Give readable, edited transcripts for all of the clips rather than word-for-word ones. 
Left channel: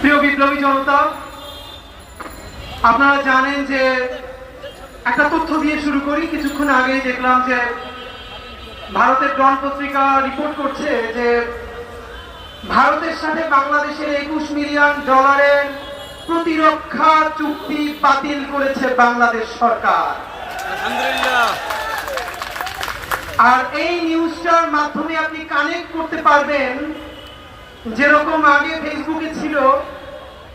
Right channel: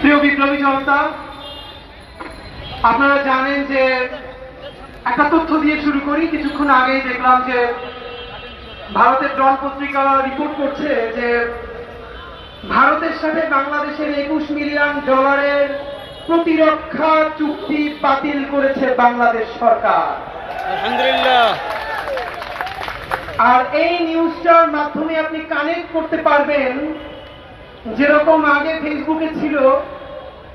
প্রিয় বিপ্লবী জনতা, আপনারা জানেন যে একটা তথ্য দিয়ে শুরু করি। কিছুক্ষণ আগে দেখলাম যে ভারতের ডন পত্রিকা রিপোর্ট করছে যে ভারতের সাথে বাংলাদেশের $21 মিলিয়ন প্রতিরক্ষা চুক্তি বাতিল করেছে বাংলাদেশ সরকার। আলহামদুলিল্লাহ। আর এই নিউজটার মাধ্যমে আপনি কানেক্ট করতে পারবেন, যেরকম আগে ফেসবুকে ছিল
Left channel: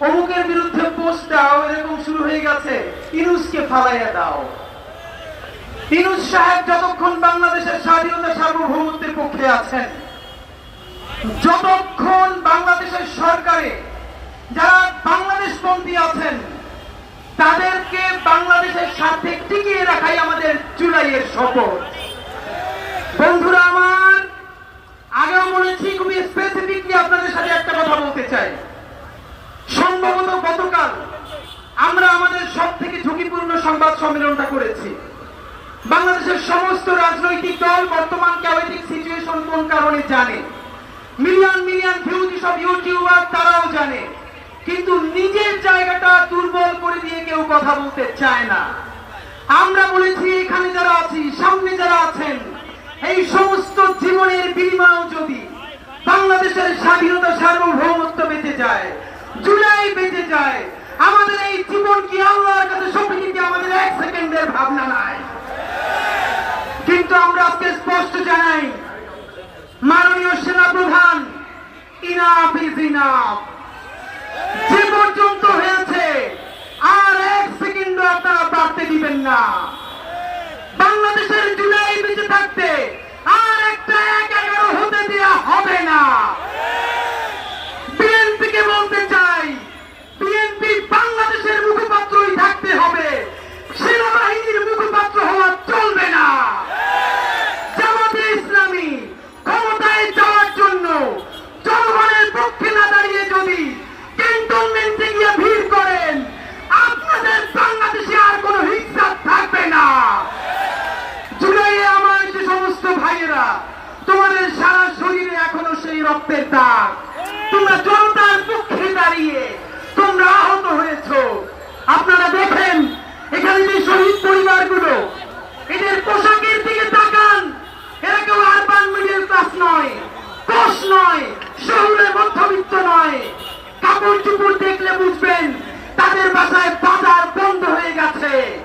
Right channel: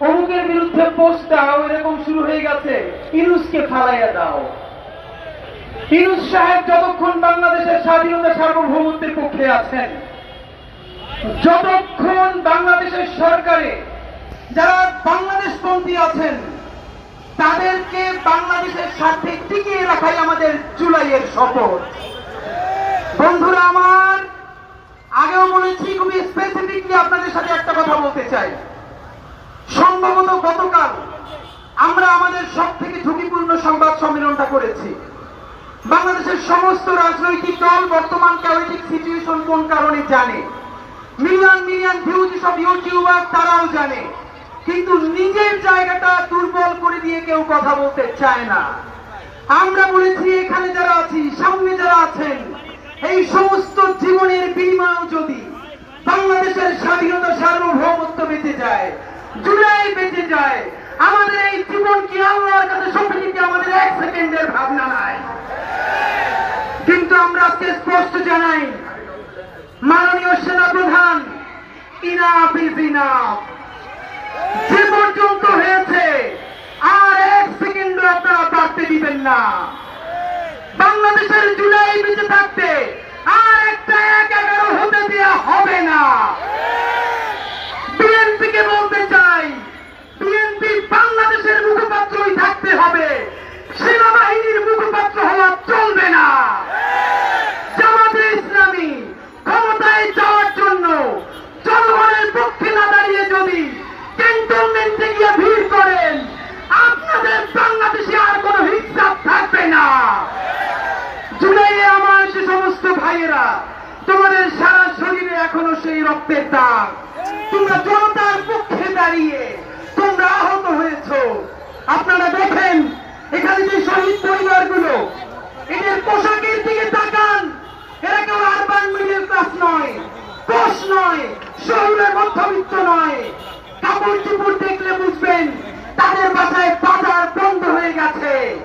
অমুকের বিরুদ্ধে পোস্ট দাও, এরকম শুরু হয়ে গেছে ইউনূসকে ফালাইয়া দাও। ইউনূস সাহেব যতক্ষণ বাংলাদেশের স্বাধীনতা সার্বভৌমত্বের পক্ষে আছেন, যতক্ষণ বাংলাদেশের সরকারে যারা বাংলাদেশপন্থী আছেন তাদেরকে বাংলাদেশের সাথে টিকিয়ে রাখাই আমাদের জুলাইয়ের শপথ। বন্ধুরা আমার, আগেও বলেছি, খুবই স্পেসিফিকলি আপনাদের সাথে একটা কথা বলতে চাই। সম্ভবত গতকাল আমরা আমাদের সব থেকে ঝুঁকিপূর্ণ সংবাদ সম্মেলনটা করেছি। বাংলাদেশের সমস্ত রাজনৈতিক দল বর্তমান ক্যাওয়েটিক সিচুয়েশন কোন কারণে জানে, মিলিয়ন মিলিয়ন ভিউজ সব ইউটিউবার তারাও জানে, কিন্তু নিজের জায়গাটা দুর্বল করে দিয়ে কেউ কথা বলতে চায় না। আমরা বলেছি এখানে যারা আছি, সামনে যারা আছেন, এই সমস্ত জীবনের বিনিময় যদি বাংলাদেশের স্বাধীনতা সার্বভৌমত্ব বেঁচে যায়, জুলাই বেঁচে যায়, আমাদের এই জীবন কি আল্লাহর কাছে সঁপে দিতে আমাদের 1 সেকেন্ডের ভাবনা নাই। কিন্তু আমরা আজকে স্পষ্ট জানাই, মাননীয় সেনাপ্রধান, ইনাফ ইজ ইনাফ। যে পর্যন্ত হয়েছে আর 1 সেকেন্ডও আপনারা বাড়তে দিবেন না। বাংলাদেশের জুলাই বেঁচে থাকতে আর একটা 1-11 হতে দেওয়া হবে না। বিএনপিকে বলতে চাই, বিএনপি বাংলাদেশের মুখপাত্রই থাকতে হবে, সেনাবাহিনীর মুখপাত্র হওয়া চলবে না। জামাতে ইসলামী ক্ষমতায় যাওয়ার জন্য জনগণের পক্ষে না দাঁড়িয়ে যদি ক্যান্টনমেন্টে গিয়ে ভিড় করেন, আপনাদের বাংলাদেশে আর কোনো হিসাব থাকবে না। জুলাইয়ে আমার যে সমস্ত ভাইয়েরা, তোমাদের সারা শরীরে এখনো সেই রক্তের দাগ, তোমরা জনতার পক্ষে দাঁড়িয়ে তোমরা আহত হয়েছ। আপনারা দেখেন এখানে যে শহীদ পরিবারগুলো, এদের পোশাকের দিকে তাকান, এরা কেউ আরবান মিডল ক্লাস নয়, পোষ নয়, শহরের মধ্যবিত্ত নয়। কাপড় চোপড় দেখলে বুঝবেন তাদের বাসায় বাজার বন্ধ হয়ে গেছে।